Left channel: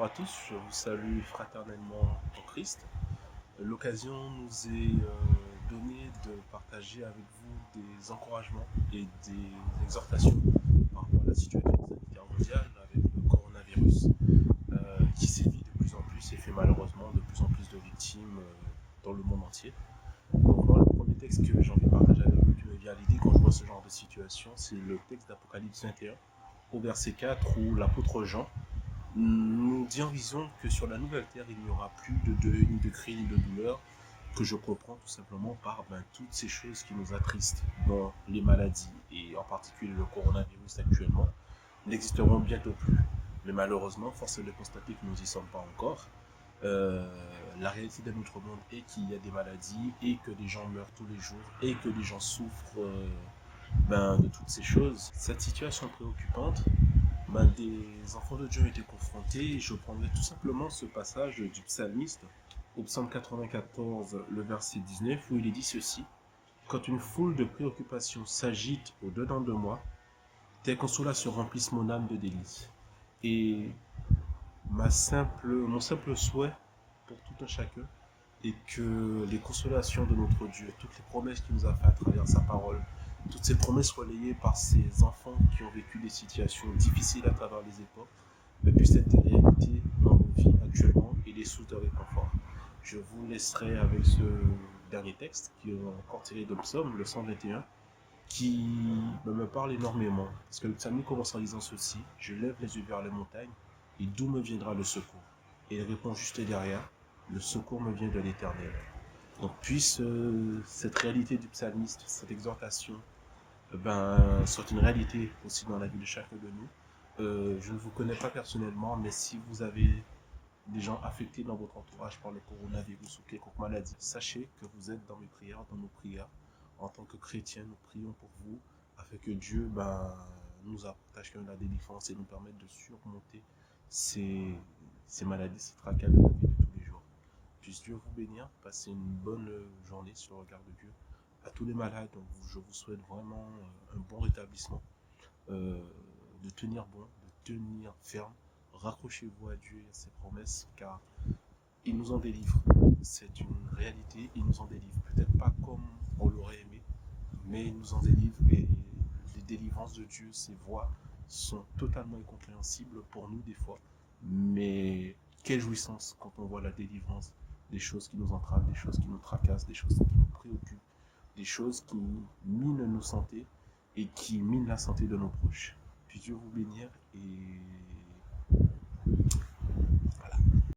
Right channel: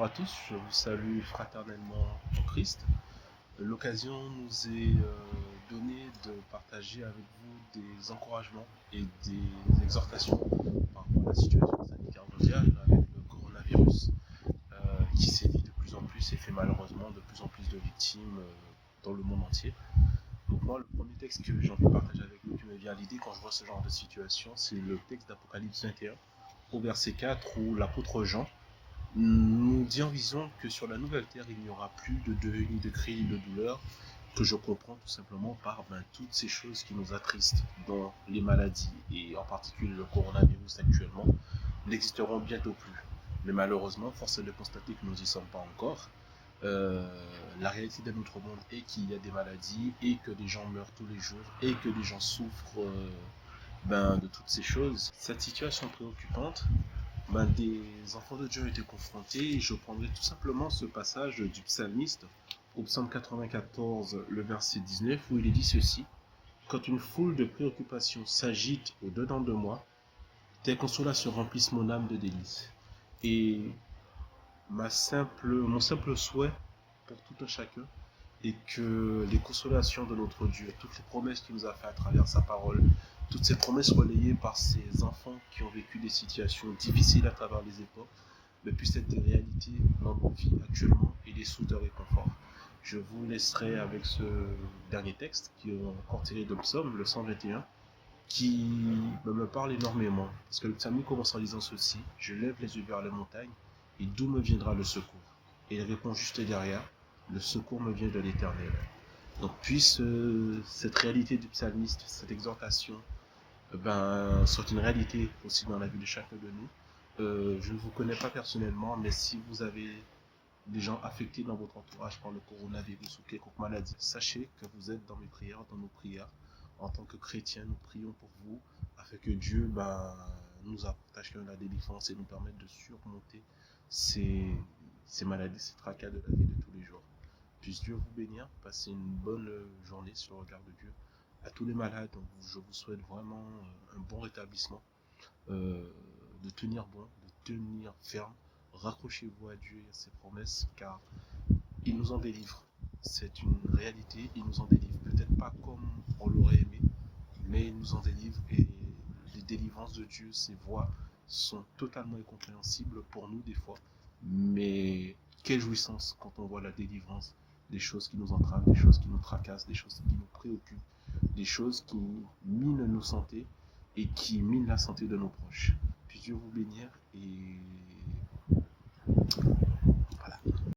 Bonjour à tous, je vous salue fraternellement en Christ. L'occasion nous est donnée de partager avec vous des encouragements et des exhortations par rapport à la situation sanitaire mondiale avec le coronavirus qui sévit de plus en plus et fait malheureusement de plus en plus de victimes dans le monde entier. Donc moi, le premier texte que j'ai envie de partager avec vous qui me vient à l'idée quand je vois ce genre de situation, c'est le texte d'Apocalypse 21 au verset 4 où l'apôtre Jean nous dit en vision que sur la nouvelle terre, il n'y aura plus de deuil, ni de cris, ni de douleur, que je comprends tout simplement par toutes ces choses qui nous attristent, dont les maladies, et en particulier le coronavirus actuellement, n'existeront bientôt plus. Mais malheureusement, force est de constater que nous n'y sommes pas encore. La réalité de notre monde est qu'il y a des maladies et que des gens meurent tous les jours et que des gens souffrent de toutes ces choses. Cette situation préoccupante, des enfants de Dieu ont été confrontés et je prendrai tout simplement ce passage du psalmiste au psaume 94, le verset 19, où il est dit ceci: quand une foule de préoccupations s'agite au-dedans de moi, tes consolations remplissent mon âme de délices. Et mon simple souhait pour tout un chacun est que les consolations de notre Dieu, toutes les promesses qu'il nous a faites à travers sa parole, toutes ces promesses relayées par ces enfants qui ont vécu des situations difficiles à travers les époques, puissent être des réalités dans nos vies actuellement et des sources de réconfort. Je vous laisserai avec ce dernier texte qui est encore tiré de Psaume, le 121, qui me parle énormément. Parce que le psalmiste commence en disant ceci: je lève les yeux vers les montagnes, et d'où me viendra le secours? Et il répond juste derrière: le secours me vient de l'Éternel. Donc puisse cette réalité du psalmiste, cette exhortation, soit une réalité aussi dans la vie de chacun de nous. Je ne vous connais pas personnellement, mais si vous avez des gens affectés dans votre entourage par le coronavirus ou quelconque maladie, sachez que vous êtes dans mes prières, dans nos prières. En tant que chrétiens, nous prions pour vous afin que Dieu nous apporte à chacun la délivrance et nous permette de surmonter ces maladies, ces tracas de la vie de tous les jours. Puisse Dieu vous bénir, passez une bonne journée sur le regard de Dieu. À tous les malades, je vous souhaite vraiment un bon rétablissement, de tenir bon, de tenir ferme. Raccrochez-vous à Dieu et à ses promesses, car il nous en délivre. C'est une réalité, il nous en délivre. Peut-être pas comme on l'aurait aimé, mais il nous en délivre, et les délivrances de Dieu, ses voies sont totalement incompréhensibles pour nous des fois. Mais quelle jouissance quand on voit la délivrance des choses qui nous entravent, des choses qui nous tracassent, des choses qui nous préoccupent, des choses qui minent nos santé et qui minent la santé de nos proches. Puis Dieu vous bénir et